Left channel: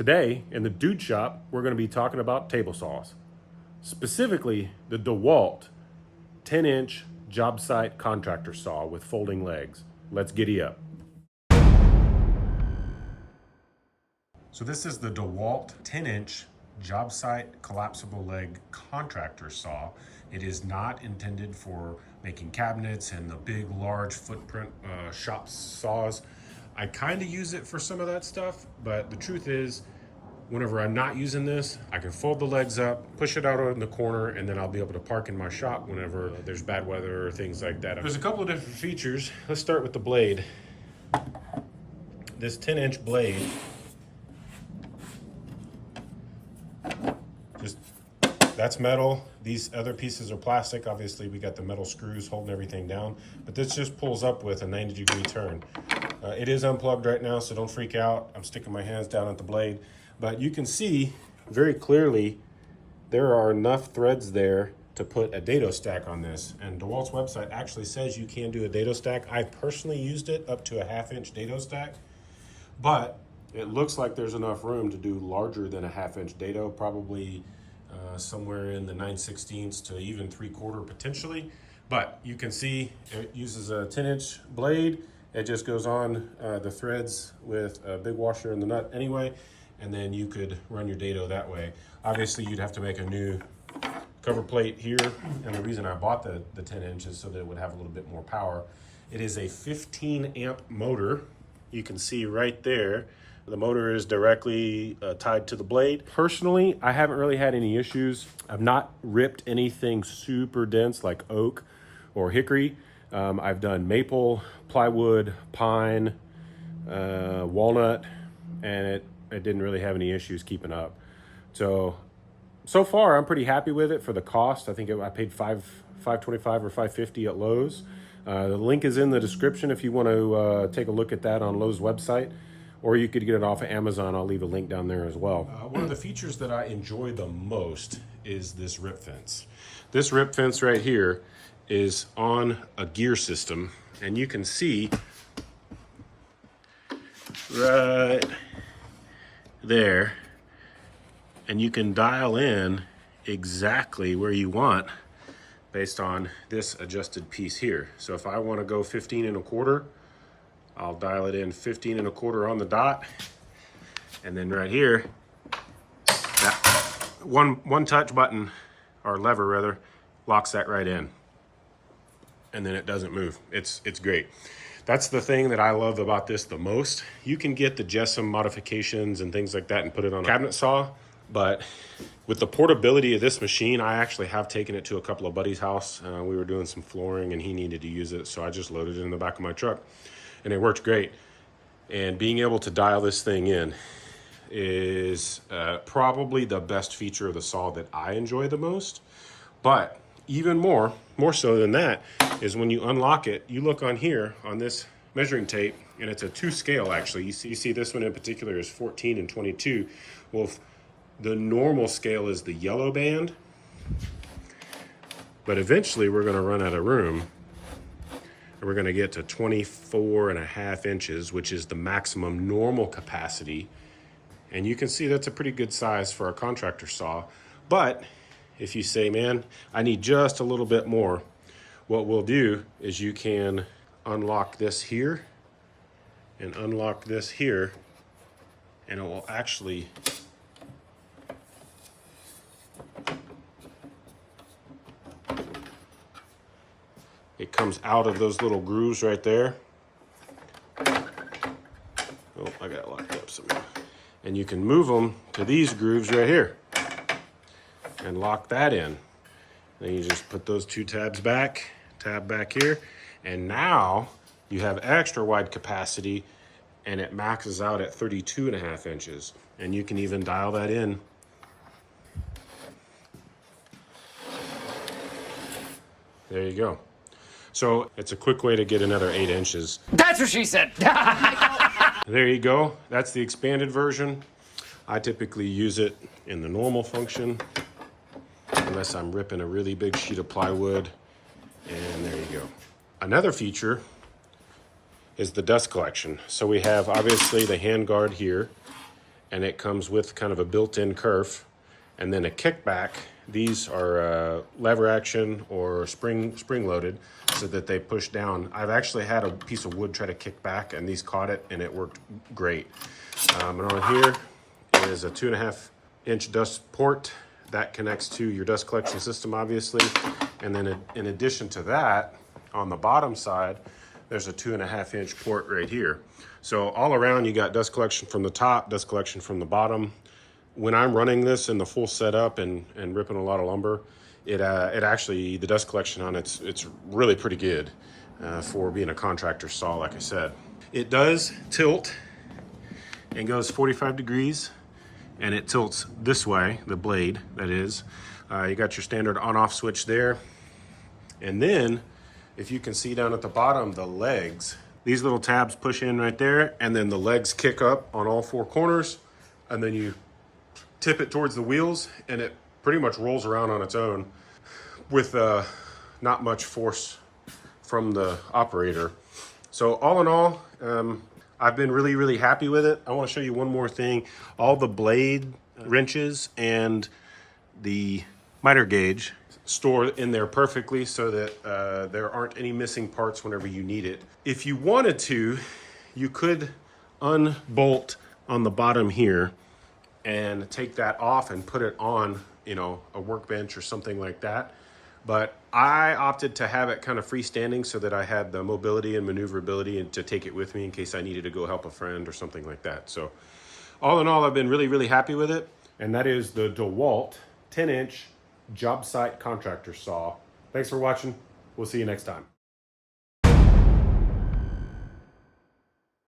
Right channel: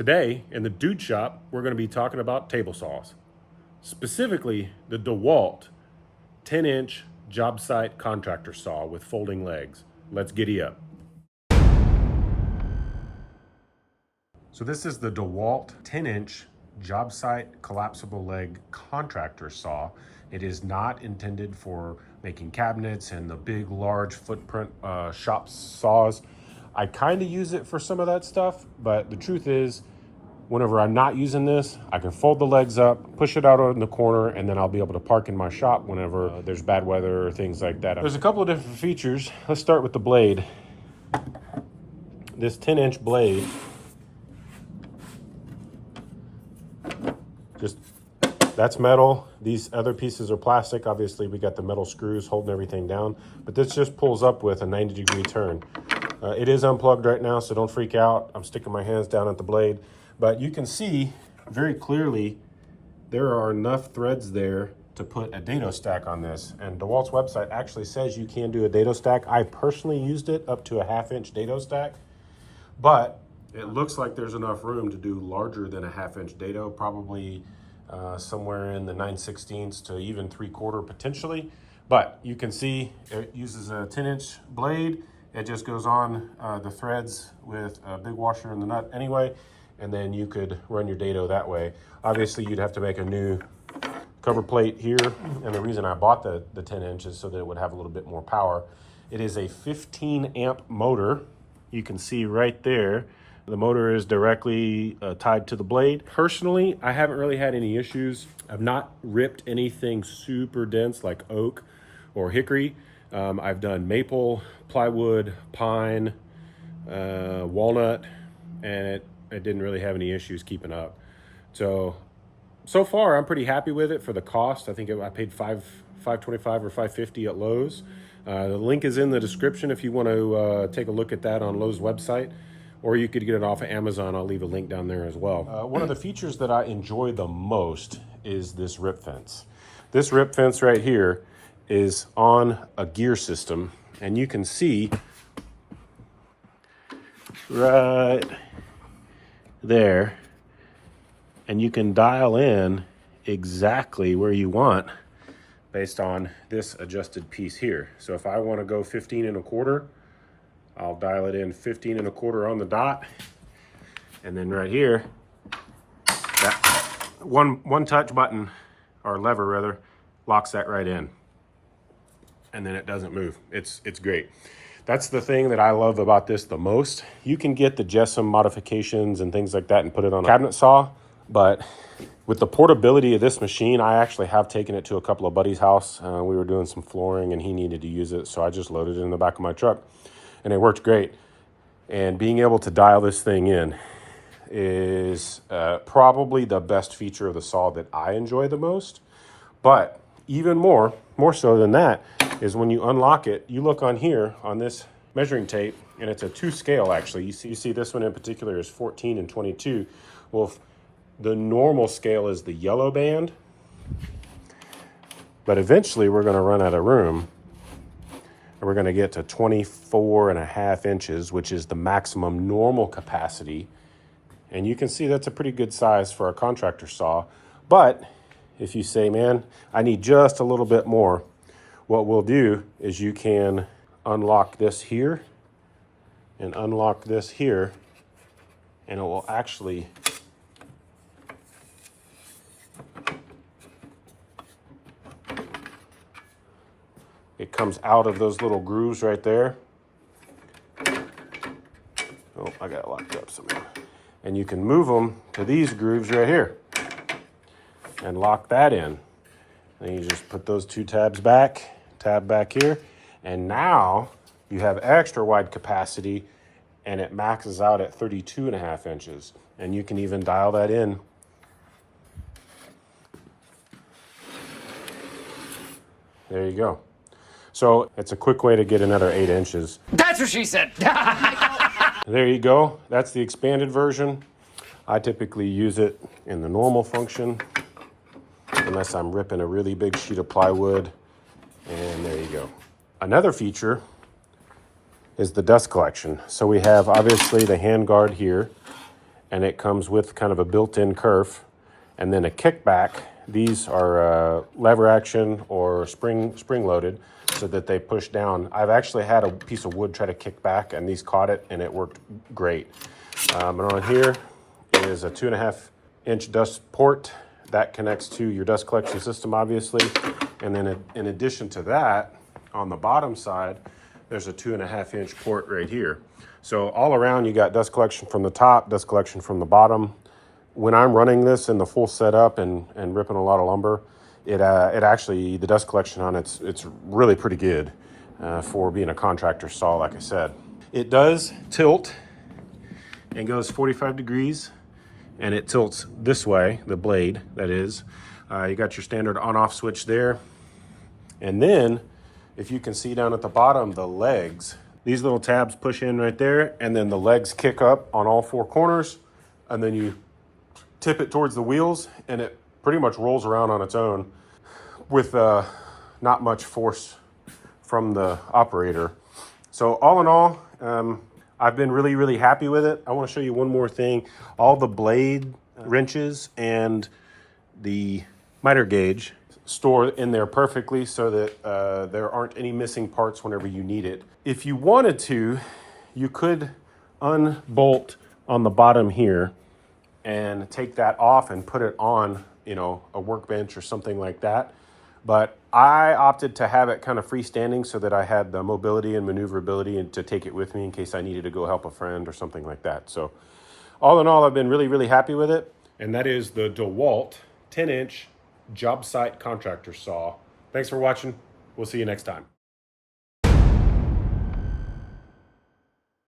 Today, in the Dude Shop, we're going to be talking about table saws. Specifically, the DeWalt 10-inch Jobsite contractor saw with folding legs. Let's giddy up. So this is the DeWalt 10-inch Jobsite collapsible leg contractor saw. It is not intended for making cabinets and the big, large footprint shop saws. I kind of use it for some of that stuff, but the truth is, whenever I'm not using this, I can fold the legs up, push it out in the corner, and then I'll be able to park in my shop whenever there's bad weather or things like that. There's a couple of different features. Let's start with the blade. This 10-inch blade, that's metal. These other pieces are plastic. Obviously, we got the metal screws holding everything down, but this just pulls up with a 90-degree turn. It is unplugged right now, so don't freak out. I'm sticking my hands down at the blade, but you can see very clearly there are enough threads there to put a dado stack on this. And DeWalt's website actually says you can do a dado stack. I personally used it up to a 1/2-inch dado stack, but it looks like there's enough room to do larger than a 1/2-inch dado, probably somewhere in the 9/16 to even 3/4 potentially. But you can see it uses a 10-inch blade. It just goes on the threads with a big washer in the nut anyway, and then you could run your dado that way. Obviously, you'd have to make a new cover plate here, and the reason I bought the 10-inch is so that it would have a little bit more power. It is a 15-amp motor. You can see right there, the motor is directly tied to the blade. Personally, I haven't really had any issues. I've not ripped anything super dense like oak or hickory. I've done maple, plywood, pine, walnut, and it didn't really have any issues keeping up. So far, I'm pretty happy with it for the cost. I think I paid $525 or $550 at Lowe's. The link is in the description if you want to take a look at that on Lowe's website, or you could get it off of Amazon. I'll leave a link down there as well. One of the features that I enjoy the most is this rip fence. This rip fence right here is on a gear system, and you can see right there, and you can dial in exactly where you want based on this adjusted piece here. So if I want to go 15 1/4, I'll dial it in 15 1/4 on the dot, and then right here, that one touch button, or lever rather, locks that right in, and then it doesn't move. It's great. That's the thing that I love about this the most. You can get the Jessam modifications and things like that and put it on a cabinet saw, but with the portability of this machine, I actually have taken it to a couple of buddies' house. We were doing some flooring and he needed to use it, so I just loaded it in the back of my truck, and it worked great. And being able to dial this thing in is probably the best feature of the saw that I enjoy the most. But even more so than that, is when you unlock it, you look on here on this measuring tape, and it's a 2 scale actually. You see this one in particular is 14 and 22. Well, the normal scale is the yellow band, but eventually we're gonna run out of room, and we're gonna get to 24.5 inches, which is the maximum normal capacity. And you can see that's a pretty good size for a contractor saw. But if you say, man, I need just a little bit more, what we'll do is you can unlock this here and unlock this here, and it will actually it comes out of those little grooves right there. Oh, I got it locked up somehow. And you can move them to these grooves right here and lock that in. Then you just put those 2 tabs back, tab back here, and now you have extra wide capacity, and it maxes out at 32.5 inches. And you can even dial that in. There you go. So it's a quick way to get another 8 inches. That's what she said. There you go. That's the expanded version. I typically use it in the normal function, unless I'm ripping a really big sheet of plywood. And there you go. Another feature is the dust collection. So we have obviously the hand guard here, and it comes with kind of a built-in kerf, and then a kickback. These are lever action or spring loaded, so that they push down. I've actually had a piece of wood try to kick back, and these caught it, and it worked great. And on here is a 2.5-inch dust port that connects to your dust collection system, obviously. And then in addition to that, on the bottom side, there's a 2.5-inch port right here. So all around, you got dust collection from the top, dust collection from the bottom. When I'm running this in the full setup and ripping a lot of lumber, it actually, the dust collection on it's really pretty good for being a contractor saw, like I said. It does tilt and goes 45 degrees, and it tilts this way, the blade, that is. You got your standard on-off switch there. And then, if you can see down at the bottom, the legs, these little tabs push in right there, and then the legs kick up on all four corners, and then you tip it towards the wheels, and it pretty much rolls around on its own with not much force from the operator. So all in all, I've been really, really happy with it. I want to show you one more thing. All the blade wrenches and the miter gauge store in there perfectly, so that there aren't any missing parts whenever you need it. If you wanted to, you could unbolt on the bottom here and take that off and put it on, you know, a workbench or something like that. But I opted to have it kind of freestanding so that I had the mobility and maneuverability and to take it with me in case I needed to go help a friend or something like that. So all in all, I've been really, really happy with it. And that is the DeWalt 10-inch Jobsite contractor saw. Thanks for watching. We'll see you next time.